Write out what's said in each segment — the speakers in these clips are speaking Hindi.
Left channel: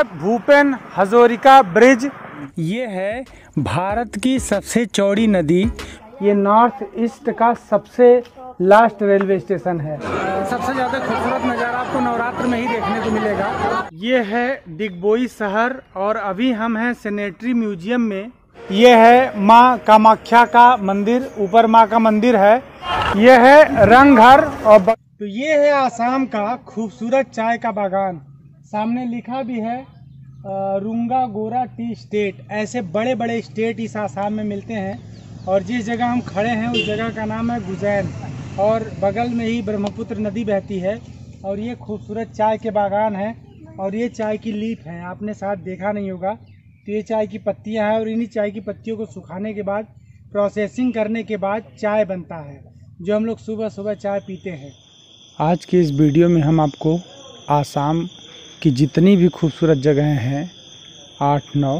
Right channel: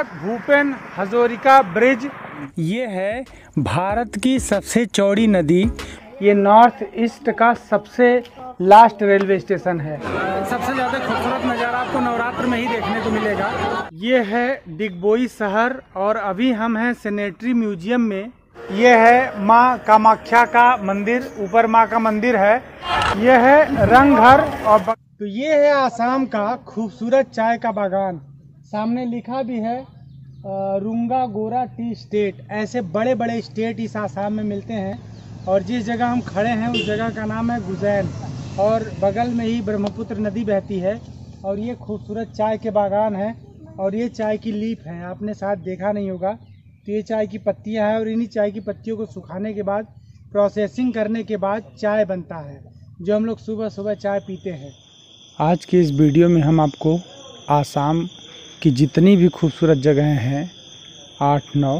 है भूपेन हजारिका ब्रिज। ये है भारत की सबसे चौड़ी नदी। ये नॉर्थ ईस्ट का सबसे लास्ट रेलवे स्टेशन है। सबसे ज़्यादा खूबसूरत नज़ारा आपको नवरात्र में ही देखने को मिलेगा। ये है डिगबोई शहर और अभी हम हैं सेनेटरी म्यूजियम में। ये है माँ कामाख्या का मंदिर, ऊपर माँ का मंदिर है। ये है रंगघर और तो ये है आसाम का खूबसूरत चाय का बागान। सामने लिखा भी है रुंगा गोरा टी स्टेट। ऐसे बड़े बड़े स्टेट इस आसाम में मिलते हैं और जिस जगह हम खड़े हैं उस जगह का नाम है गुजैन और बगल में ही ब्रह्मपुत्र नदी बहती है और ये खूबसूरत चाय के बागान है और ये चाय की लीफ है। आपने शायद देखा नहीं होगा, तो ये चाय की पत्तियां हैं और इन्हीं चाय की पत्तियों को सुखाने के बाद प्रोसेसिंग करने के बाद चाय बनता है, जो हम लोग सुबह सुबह चाय पीते हैं। आज की इस वीडियो में हम आपको आसाम की जितनी भी खूबसूरत जगहें हैं 8-9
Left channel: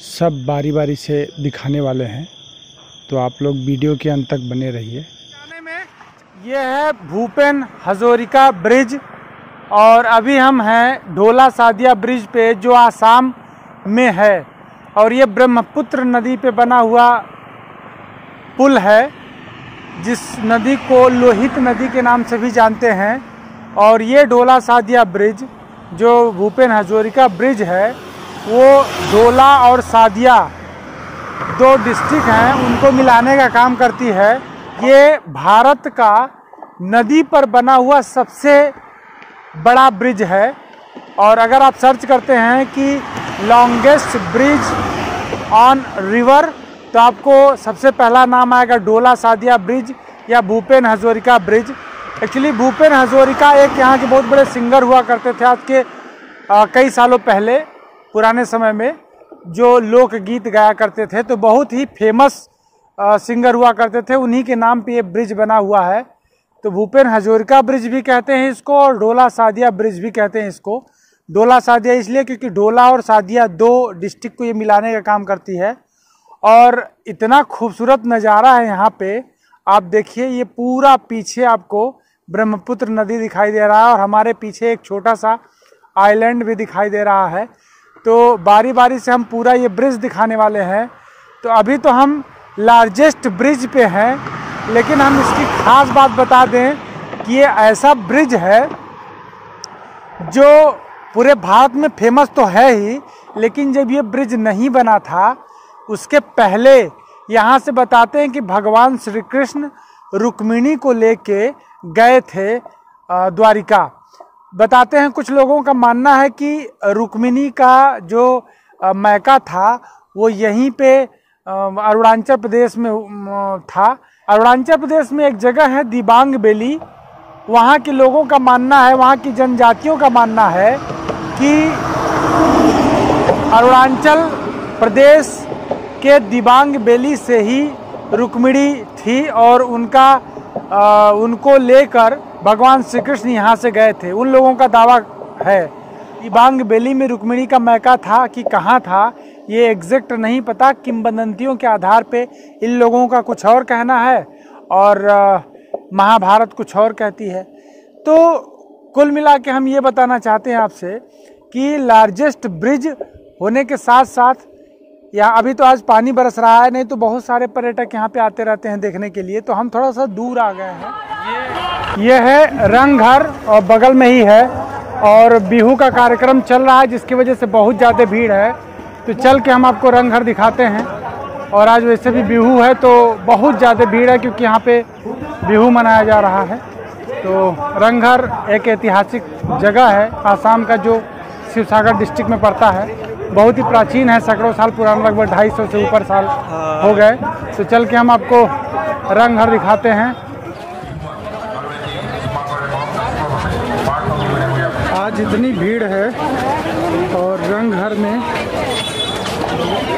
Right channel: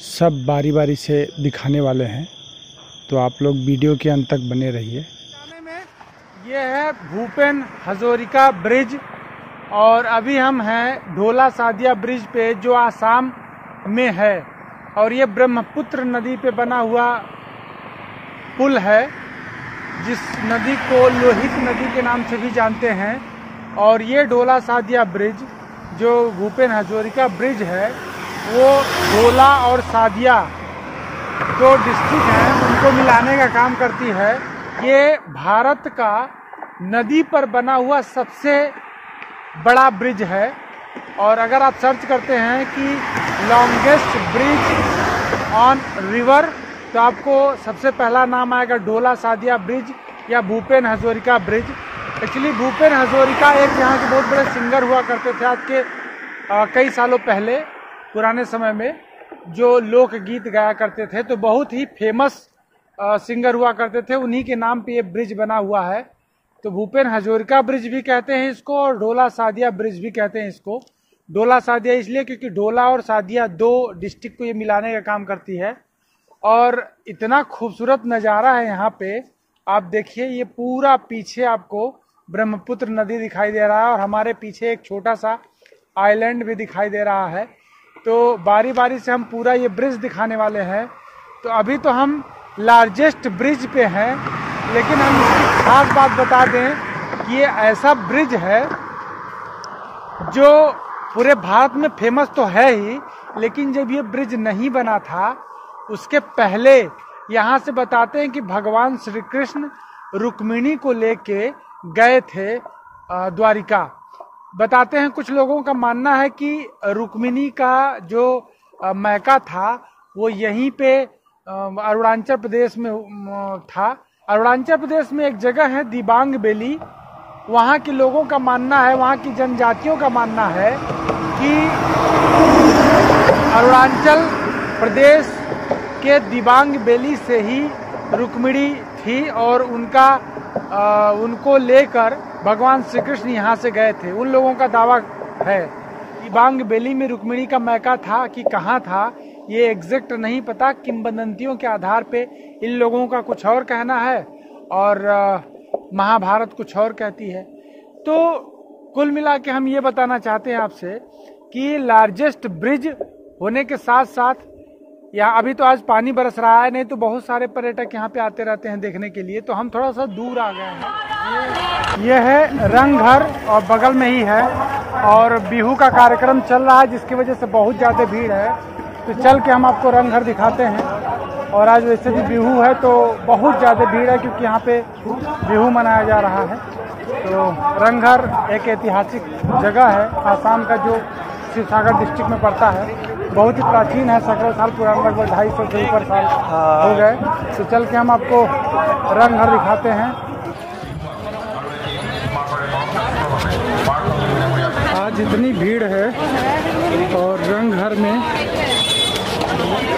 सब बारी बारी से दिखाने वाले हैं, तो आप लोग वीडियो के अंत तक बने रहिए। ये है भूपेन हजारिका ब्रिज और अभी हम हैं ढोला सादिया ब्रिज पे जो आसाम में है और ये ब्रह्मपुत्र नदी पे बना हुआ पुल है, जिस नदी को लोहित नदी के नाम से भी जानते हैं। और ये ढोला सादिया ब्रिज जो भूपेन हजारिका ब्रिज है वो ढोला और सादिया दो डिस्ट्रिक्ट हैं उनको मिलाने का काम करती है। ये भारत का नदी पर बना हुआ सबसे बड़ा ब्रिज है और अगर आप सर्च करते हैं कि लॉन्गेस्ट ब्रिज ऑन रिवर तो आपको सबसे पहला नाम आएगा ढोला सादिया ब्रिज या भूपेन हजारिका ब्रिज। एक्चुअली भूपेन हजारिका एक यहाँ के बहुत बड़े सिंगर हुआ करते थे आज के कई सालों पहले, पुराने समय में जो लोकगीत गाया करते थे, तो बहुत ही फेमस सिंगर हुआ करते थे। उन्हीं के नाम पे ये ब्रिज बना हुआ है। तो भूपेन हजारिका ब्रिज भी कहते हैं इसको और ढोला सादिया ब्रिज भी कहते हैं इसको। ढोला सादिया इसलिए क्योंकि ढोला और सादिया दो डिस्ट्रिक्ट को ये मिलाने का काम करती है और इतना खूबसूरत नज़ारा है यहाँ पे। आप देखिए ये पूरा पीछे आपको ब्रह्मपुत्र नदी दिखाई दे रहा है और हमारे पीछे एक छोटा सा आइलैंड भी दिखाई दे रहा है। तो बारी बारी से हम पूरा ये ब्रिज दिखाने वाले हैं। तो अभी तो हम लार्जेस्ट ब्रिज पे हैं, लेकिन हम इसकी खास बात बता दें कि ये ऐसा ब्रिज है जो पूरे भारत में फेमस तो है ही, लेकिन जब ये ब्रिज नहीं बना था उसके पहले यहाँ से बताते हैं कि भगवान श्री कृष्ण रुक्मिणी को लेके गए थे द्वारिका। बताते हैं कुछ लोगों का मानना है कि रुक्मिणी का जो मैका था वो यहीं पे अरुणाचल प्रदेश में था। अरुणाचल प्रदेश में एक जगह है दिबांग वैली, वहाँ के लोगों का मानना है, वहाँ की जनजातियों का मानना है कि अरुणाचल प्रदेश के दिबांग वैली से ही रुक्मिणी थी और उनको लेकर भगवान श्री कृष्ण यहाँ से गए थे। उन लोगों का दावा है दिबांग वैली में रुक्मिणी का मैका था कि कहाँ था ये एग्जैक्ट नहीं पता। किंवदंतियों के आधार पे इन लोगों का कुछ और कहना है और महाभारत कुछ और कहती है। तो कुल मिला के हम ये बताना चाहते हैं आपसे कि लार्जेस्ट ब्रिज होने के साथ साथ यहाँ अभी तो आज पानी बरस रहा है, नहीं तो बहुत सारे पर्यटक यहाँ पे आते रहते हैं देखने के लिए। तो हम थोड़ा सा दूर आ गए हैं। ये है रंगघर और बगल में ही है और बिहू का कार्यक्रम चल रहा है जिसकी वजह से बहुत ज़्यादा भीड़ है। तो चल के हम आपको रंगघर दिखाते हैं। और आज वैसे भी बिहू है तो बहुत ज़्यादा भीड़ है क्योंकि यहाँ पे बिहू मनाया जा रहा है। तो रंगघर एक ऐतिहासिक जगह है आसाम का जो शिवसागर डिस्ट्रिक्ट में पड़ता है। बहुत ही प्राचीन है, सैकड़ों साल पुराना, लगभग 250 से ऊपर साल हो गए। तो चल के हम आपको रंगघर दिखाते हैं। आज इतनी भीड़ है और रंगघर में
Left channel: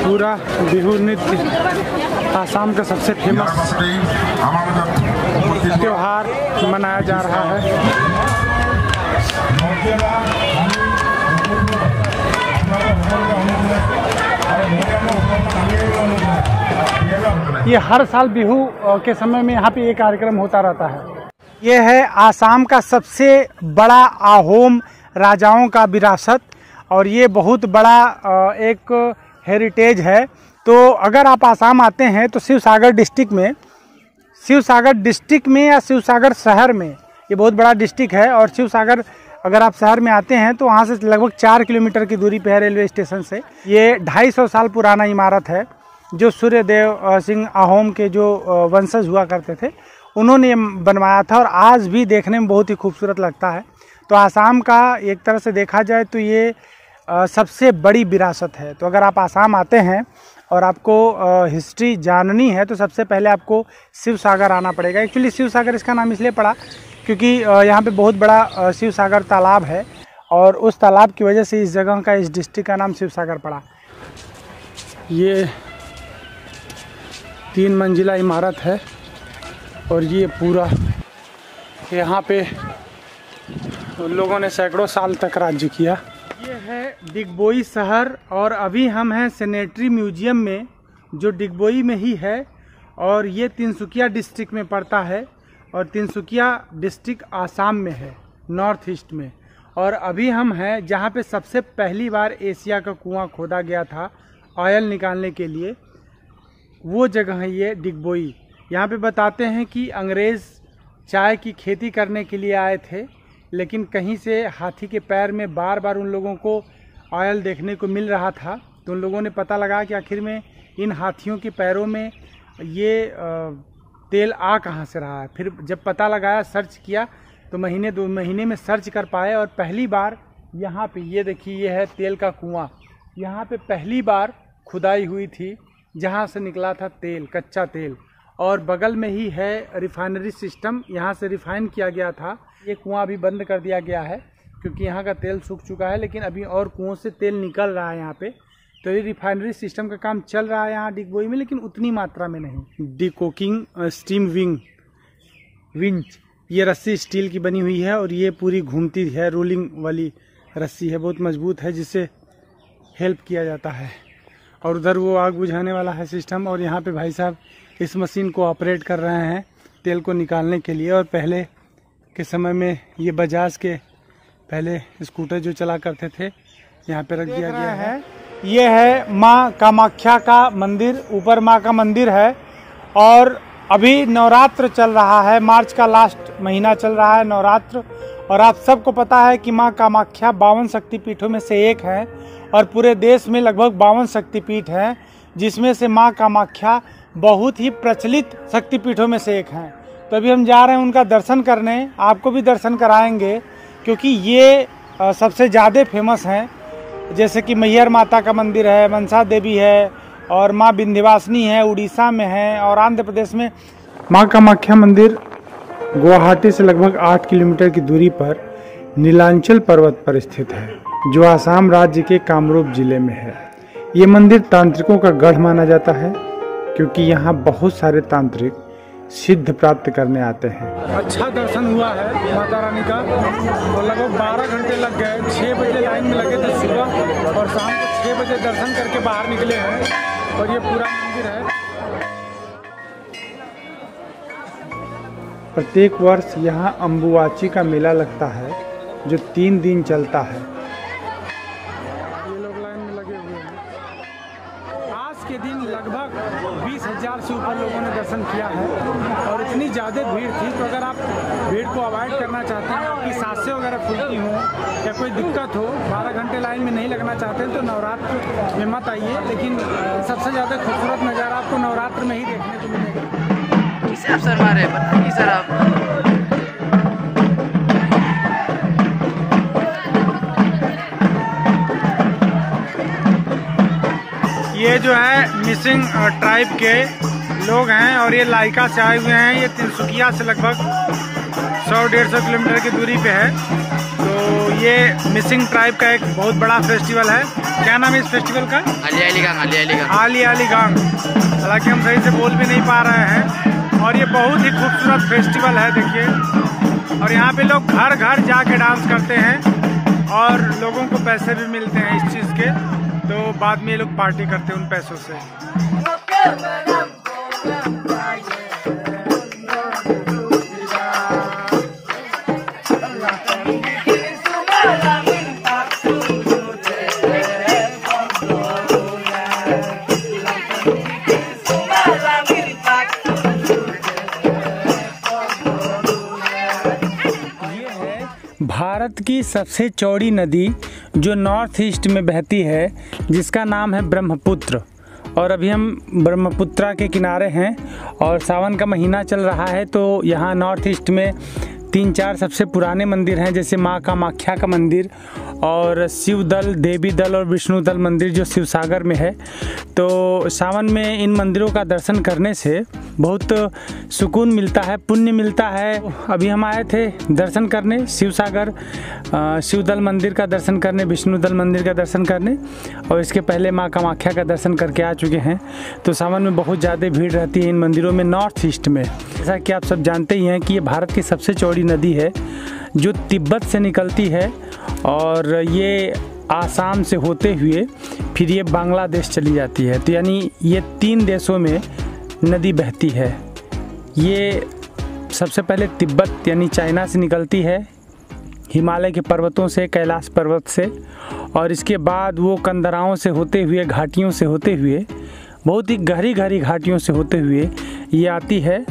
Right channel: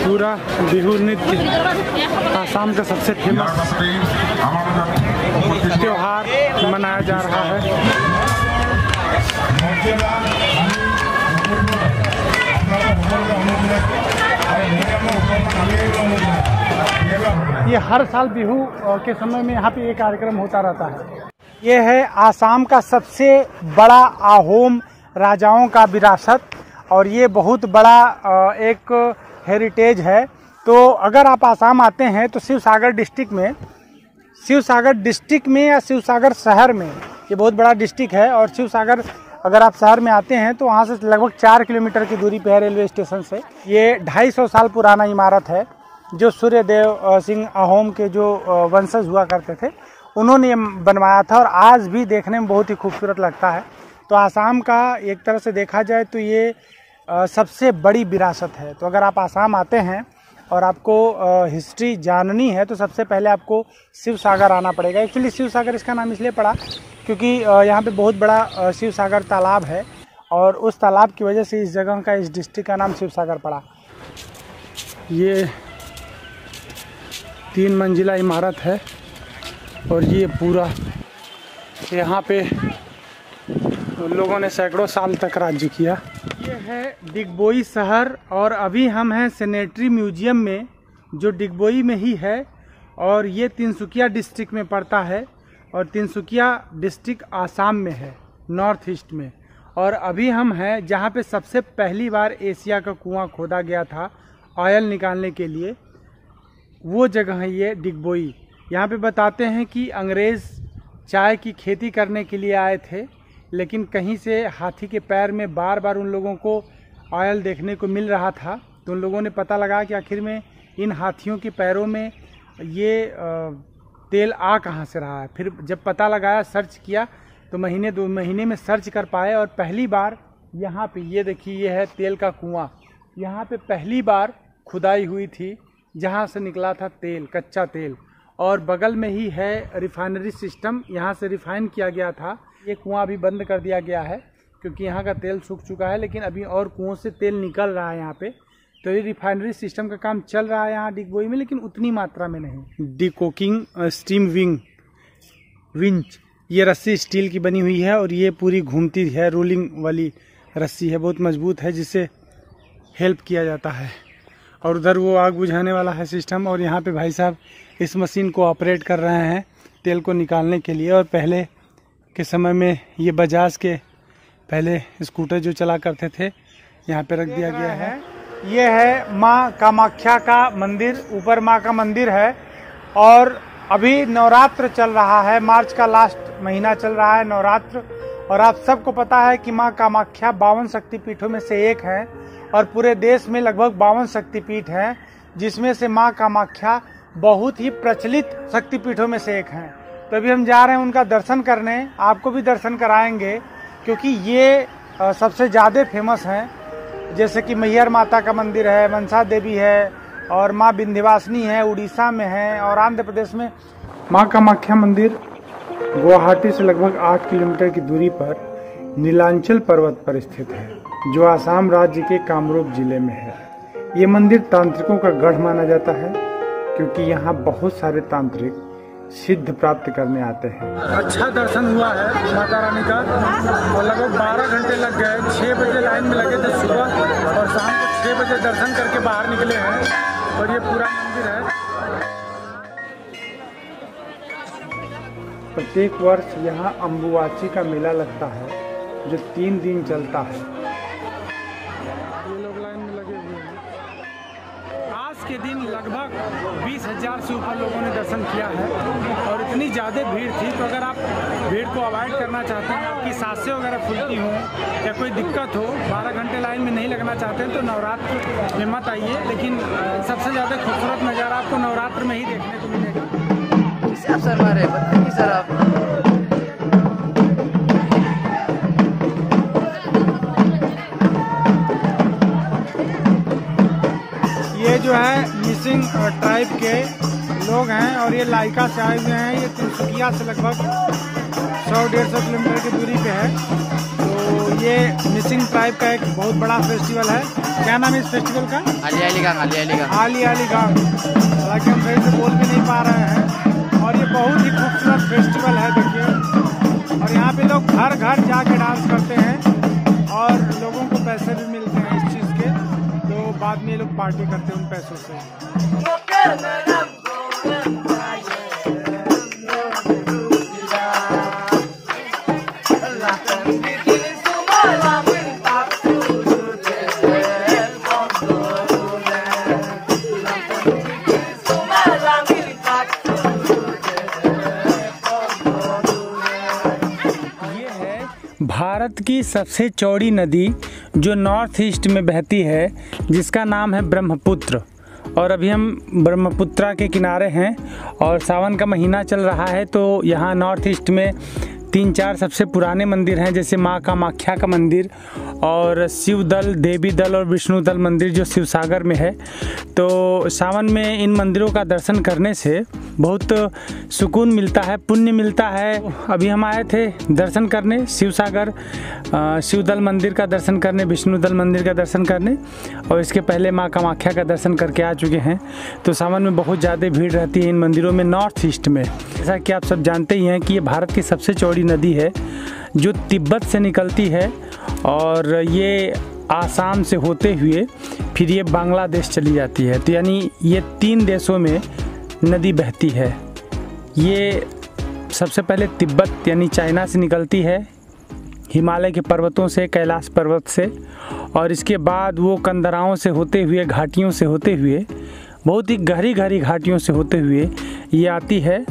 पूरा बिहू नृत्य, आसाम का सबसे फेमस त्योहार मनाया जा रहा है। ये हर साल बिहू के समय में यहाँ पे ये कार्यक्रम होता रहता है। ये है आसाम का सबसे बड़ा आहोम राजाओं का विरासत और ये बहुत बड़ा एक हेरिटेज है। तो अगर आप आसाम आते हैं तो शिवसागर डिस्ट्रिक्ट में या शिवसागर शहर में, ये बहुत बड़ा डिस्ट्रिक्ट है। और शिवसागर अगर आप शहर में आते हैं तो वहाँ से लगभग 4 किलोमीटर की दूरी पे है रेलवे स्टेशन से। ये 250 साल पुराना इमारत है जो सूर्यदेव सिंह अहोम के जो वंशज हुआ करते थे उन्होंने ये बनवाया था, और आज भी देखने में बहुत ही खूबसूरत लगता है। तो आसाम का एक तरह से देखा जाए तो ये सबसे बड़ी विरासत है। तो अगर आप आसाम आते हैं और आपको हिस्ट्री जाननी है तो सबसे पहले आपको शिवसागर आना पड़ेगा। एक्चुअली शिवसागर इसका नाम इसलिए पड़ा क्योंकि यहाँ पे बहुत बड़ा शिवसागर तालाब है, और उस तालाब की वजह से इस जगह का, इस डिस्ट्रिक्ट का नाम शिवसागर पड़ा। ये 3 मंजिला इमारत है और ये पूरा यहाँ पे उन लोगों ने सैकड़ों साल तक राज्य किया। ये है डिगबोई शहर, और अभी हम हैं सेनेटरी म्यूजियम में जो डिगबोई में ही है, और ये तिनसुकिया डिस्ट्रिक्ट में पड़ता है, और तिनसुकिया डिस्ट्रिक्ट आसाम में है, नॉर्थ ईस्ट में। और अभी हम हैं जहाँ पे सबसे पहली बार एशिया का कुआं खोदा गया था ऑयल निकालने के लिए, वो जगह है ये डिगबोई। यहाँ पे बताते हैं कि अंग्रेज़ चाय की खेती करने के लिए आए थे, लेकिन कहीं से हाथी के पैर में बार बार उन लोगों को ऑयल देखने को मिल रहा था। तो उन लोगों ने पता लगा कि आखिर में इन हाथियों के पैरों में ये तेल आ कहाँ से रहा है। फिर जब पता लगाया, सर्च किया, तो महीने 2 महीने में सर्च कर पाए, और पहली बार यहाँ पे ये देखिए, ये है तेल का कुआं। यहाँ पे पहली बार खुदाई हुई थी जहाँ से निकला था तेल, कच्चा तेल, और बगल में ही है रिफाइनरी सिस्टम, यहाँ से रिफाइन किया गया था। ये कुआं अभी बंद कर दिया गया है क्योंकि यहाँ का तेल सूख चुका है, लेकिन अभी और कुओं से तेल निकल रहा है यहाँ पे। तो ये रिफाइनरी सिस्टम का काम चल रहा है यहाँ डिगबोई में, लेकिन उतनी मात्रा में नहीं। डिकोकिंग स्टीम विंच, ये रस्सी स्टील की बनी हुई है, और ये पूरी घूमती है, रोलिंग वाली रस्सी है, बहुत मजबूत है, जिससे हेल्प किया जाता है। और उधर वो आग बुझाने वाला है सिस्टम, और यहाँ पे भाई साहब इस मशीन को ऑपरेट कर रहे हैं तेल को निकालने के लिए। और पहले के समय में ये बजाज के पहले स्कूटर जो चला करते थे यहाँ पे रख दिया गया है। ये है माँ कामाख्या का मंदिर, ऊपर माँ का मंदिर है, और अभी नवरात्र चल रहा है, मार्च का लास्ट महीना चल रहा है नवरात्र। और आप सबको पता है कि माँ कामाख्या 52 शक्तिपीठों में से एक है, और पूरे देश में लगभग 52 शक्तिपीठ हैं, जिसमें से माँ कामाख्या बहुत ही प्रचलित शक्तिपीठों में से एक हैं। तो अभी हम जा रहे हैं उनका दर्शन करने, आपको भी दर्शन कराएंगे, क्योंकि ये सबसे ज़्यादा फेमस हैं। जैसे कि मैहर माता का मंदिर है, मनसा देवी है, और माँ विंध्यवासिनी है, उड़ीसा में है, और आंध्र प्रदेश में माँ कामाख्या मंदिर गुवाहाटी से लगभग 8 किलोमीटर की दूरी पर नीलांचल पर्वत पर स्थित है, जो आसाम राज्य के कामरूप जिले में है। ये मंदिर तांत्रिकों का गढ़ माना जाता है, क्योंकि यहाँ बहुत सारे तांत्रिक सिद्ध प्राप्त करने आते हैं। अच्छा दर्शन हुआ है माता रानी का, और लगभग 12 घंटे लग गए। 6 बजे लाइन में लगे थे सुबह, और शाम को 6 बजे दर्शन करके बाहर निकले हैं। और ये पूरा मंदिर है। प्रत्येक वर्ष यहाँ अम्बुवाची का मेला लगता है, जो 3 दिन चलता है। ये लोग लाइन में लगे हुए हैं। आज के दिन लगभग 20,000 से ऊपर लोगों ने दर्शन किया है, और इतनी ज़्यादा भीड़ थी। तो अगर आप भीड़ को अवॉइड करना चाहते हैं, आपकी सांसें वगैरह फूलती हों या कोई दिक्कत हो, 12 घंटे लाइन में नहीं लगना चाहते हैं, तो नवरात्र में मत आइए। लेकिन सबसे ज़्यादा खूबसूरत नज़ारा आपको नवरात्र में ही देखने को मिलेगा। ये जो है मिसिंग ट्राइब के लोग हैं, और ये लाइका से आए हुए हैं। ये तिनसुकिया से लगभग 100-150 किलोमीटर की दूरी पे है। तो ये मिसिंग ट्राइब का एक बहुत बड़ा फेस्टिवल है। क्या नाम है इस फेस्टिवल का? आली आली गांग। हालांकि हम सही से बोल भी नहीं पा रहे हैं। और ये बहुत ही खूबसूरत फेस्टिवल है, देखिए। और यहाँ पे लोग घर घर जाके डांस करते हैं, और लोगों को पैसे भी मिलते हैं इस चीज़ के। तो बाद में ये लोग पार्टी करते हैं उन पैसों से। भारत की सबसे चौड़ी नदी जो नॉर्थ ईस्ट में बहती है, जिसका नाम है ब्रह्मपुत्र। और अभी हम ब्रह्मपुत्रा के किनारे हैं और सावन का महीना चल रहा है, तो यहाँ नॉर्थ ईस्ट में 3-4 सबसे पुराने मंदिर हैं, जैसे माँ कामाख्या का मंदिर और शिव दल, देवी दल और विष्णु दल मंदिर जो शिव सागर में है। तो सावन में इन मंदिरों का दर्शन करने से बहुत सुकून मिलता है, पुण्य मिलता है। अभी हम आए थे दर्शन करने शिव सागर, शिव दल मंदिर का दर्शन करने, विष्णु दल मंदिर का दर्शन करने, और इसके पहले माँ कामाख्या का दर्शन करके आ चुके हैं। तो सावन में बहुत ज़्यादा भीड़ रहती है इन मंदिरों में नॉर्थ ईस्ट में। जैसा कि आप सब जानते ही हैं कि ये भारत की सबसे चौड़ी नदी है जो तिब्बत से निकलती है और ये आसाम से होते हुए फिर ये बांग्लादेश चली जाती है। तो यानी ये 3 देशों में नदी बहती है। ये सबसे पहले तिब्बत यानी चाइना से निकलती है, हिमालय के पर्वतों से, कैलाश पर्वत से, और इसके बाद वो कंदराओं से होते हुए, घाटियों से होते हुए, बहुत ही गहरी गहरी घाटियों से होते हुए ये आती है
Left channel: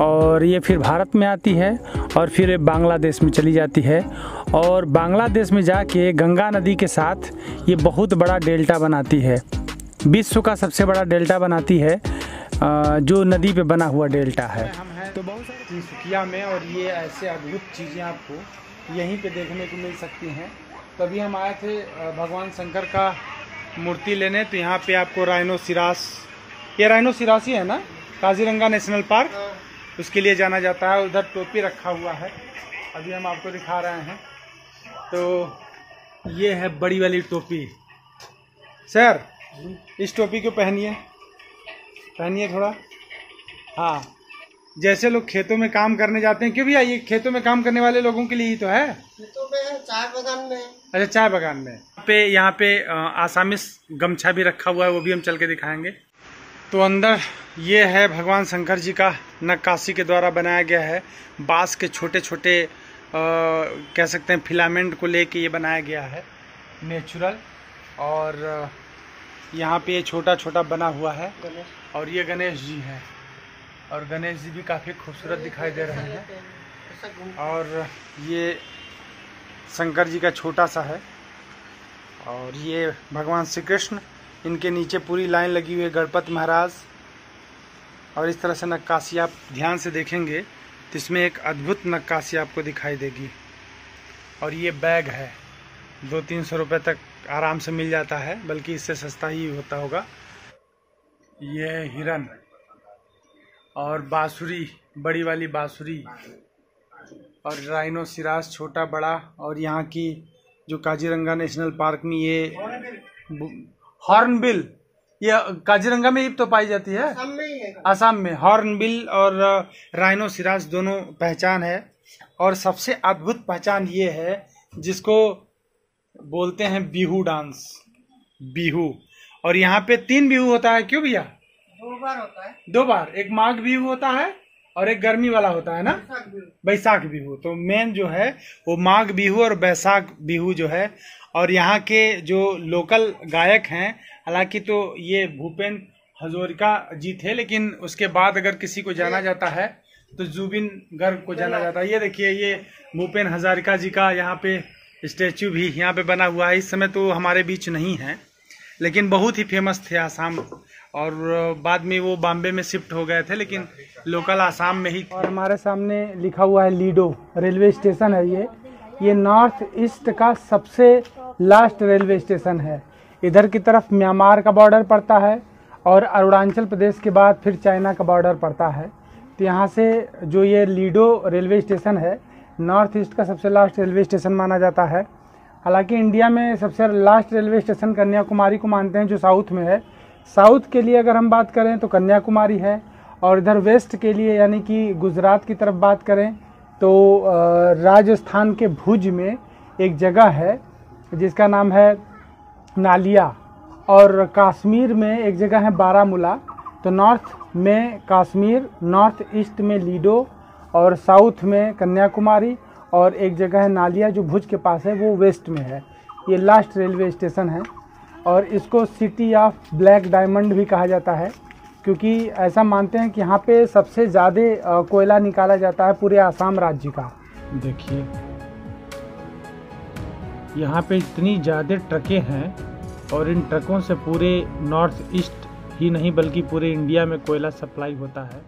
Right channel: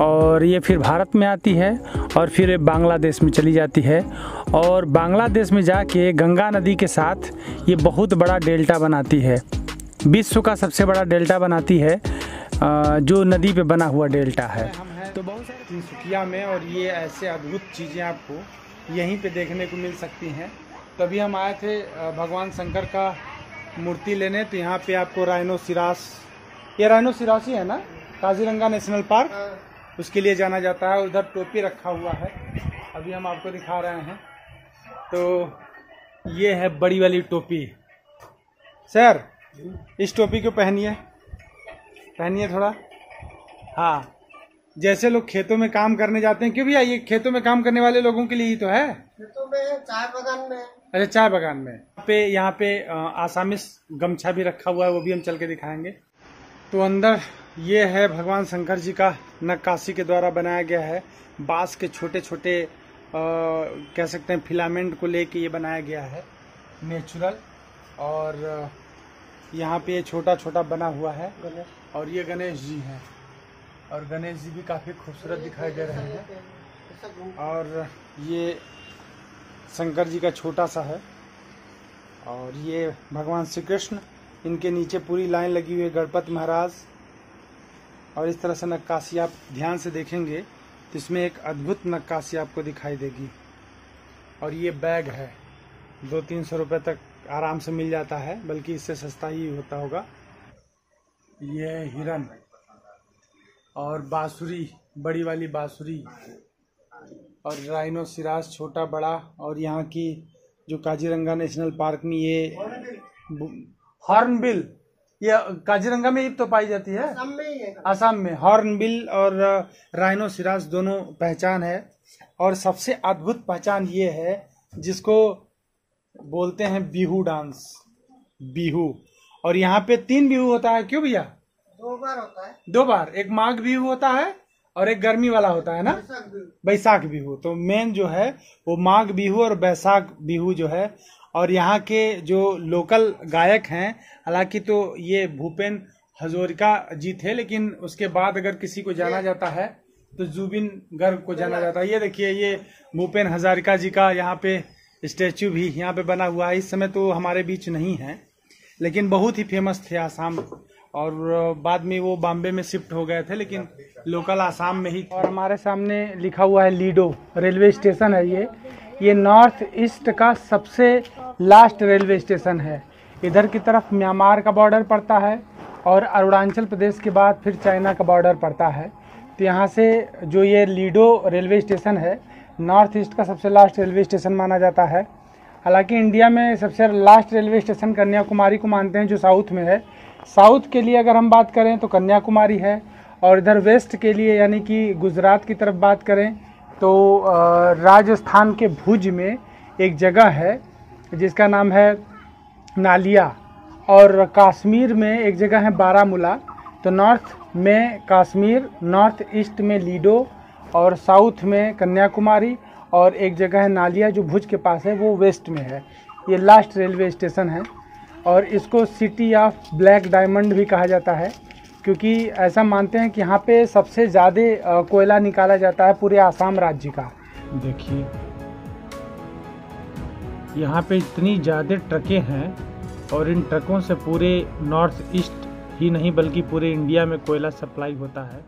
और ये फिर भारत में आती है और फिर बांग्लादेश में चली जाती है। और बांग्लादेश में जाके गंगा नदी के साथ ये बहुत बड़ा डेल्टा बनाती है, विश्व का सबसे बड़ा डेल्टा बनाती है, जो नदी पे बना हुआ डेल्टा है। हम हैं तो बहुत सारे तिनसुकिया में, और ये ऐसे अद्भुत चीज़ें आपको यहीं पे देखने को मिल सकती हैं। तो अभी हम आए थे भगवान शंकर का मूर्ति लेने, तो यहाँ पे आपको राइनोसिरास, ये राइनोसिरास ही है ना, काजीरंगा नेशनल पार्क, उसके लिए जाना जाता है। उधर टोपी रखा हुआ है, अभी हम आपको दिखा रहे हैं। तो ये है बड़ी वाली टोपी। सर इस टोपी को पहनिए, पहनिए थोड़ा। हाँ, जैसे लोग खेतों में काम करने जाते हैं, क्यों भैया ये खेतों में काम करने वाले लोगों के लिए ही तो है। खेतों में, चाय बागान में। अच्छा, चाय बागान में। यहाँ पे आसामिस गमछा भी रखा हुआ है, वो भी हम चल के दिखाएंगे। तो अंदर ये है भगवान शंकर जी का नक्काशी के द्वारा बनाया गया है। बांस के छोटे छोटे कह सकते हैं फिलामेंट को लेके ये बनाया गया है, नेचुरल। और यहाँ पे ये छोटा छोटा बना हुआ है, और ये गणेश जी हैं, और गणेश जी भी काफ़ी खूबसूरत दिखाई दे रहे हैं। और ये शंकर जी का छोटा सा है, और ये भगवान श्री कृष्ण, इनके नीचे पूरी लाइन लगी हुई है गणपति महाराज। और इस तरह से नक्काशी आप ध्यान से देखेंगे तो इसमें एक अद्भुत नक्काशी आपको दिखाई देगी। और ये बैग है, 200-300 रुपये तक आराम से मिल जाता है, बल्कि इससे सस्ता ही होता होगा। ये हिरन और बांसुरी, बड़ी वाली बांसुरी, और राइनोसिरास छोटा बड़ा। और यहाँ की जो काजीरंगा नेशनल पार्क में ये हॉर्नबिल, ये काजीरंगा में ही तो पाई जाती है, असम में हॉर्नबिल और राइनोसिरास दोनों पहचान है। और सबसे अद्भुत पहचान ये है जिसको बोलते हैं बिहू डांस, बिहू। और यहाँ पे 3 बिहू होता है, क्यों भैया? 2 बार होता है। 2 बार, एक माघ बिहू होता है और एक गर्मी वाला होता है ना, बैसाख बिहू। तो मेन जो है वो माघ बिहू और बैसाख बिहू जो है। और यहाँ के जो लोकल गायक हैं, हालांकि तो ये भूपेन हजारिका जी थे, लेकिन उसके बाद अगर किसी को जाना जाता है तो जुबिन गर्ग को जाना जाता है। ये देखिए, ये भूपेन हजारिका जी का यहाँ पे स्टैचू भी यहाँ पे बना हुआ है। इस समय तो हमारे बीच नहीं है, लेकिन बहुत ही फेमस थे आसाम, और बाद में वो बॉम्बे में शिफ्ट हो गए थे, लेकिन लोकल आसाम में ही। और हमारे सामने लिखा हुआ है लीडो रेलवे स्टेशन है। ये नॉर्थ ईस्ट का सबसे लास्ट रेलवे स्टेशन है। इधर की तरफ म्यांमार का बॉर्डर पड़ता है और अरुणाचल प्रदेश के बाद फिर चाइना का बॉर्डर पड़ता है। तो यहाँ से जो ये लीडो रेलवे स्टेशन है, नॉर्थ ईस्ट का सबसे लास्ट रेलवे स्टेशन माना जाता है। हालांकि इंडिया में सबसे लास्ट रेलवे स्टेशन कन्याकुमारी को मानते हैं, जो साउथ में है। साउथ के लिए अगर हम बात करें तो कन्याकुमारी है, और इधर वेस्ट के लिए यानी कि गुजरात की तरफ बात करें तो राजस्थान के भुज में एक जगह है जिसका नाम है नालिया, और कश्मीर में एक जगह है बारामूला। तो नॉर्थ में कश्मीर, नॉर्थ ईस्ट में लीडो, और साउथ में कन्याकुमारी, और एक जगह है नालिया जो भुज के पास है, वो वेस्ट में है। ये लास्ट रेलवे स्टेशन है, और इसको सिटी ऑफ ब्लैक डायमंड भी कहा जाता है, क्योंकि ऐसा मानते हैं कि यहाँ पे सबसे ज़्यादा कोयला निकाला जाता है पूरे आसाम राज्य का। देखिए यहाँ पे इतनी ज़्यादा ट्रकें हैं और इन ट्रकों से पूरे नॉर्थ ईस्ट ही नहीं बल्कि पूरे इंडिया में कोयला सप्लाई होता है।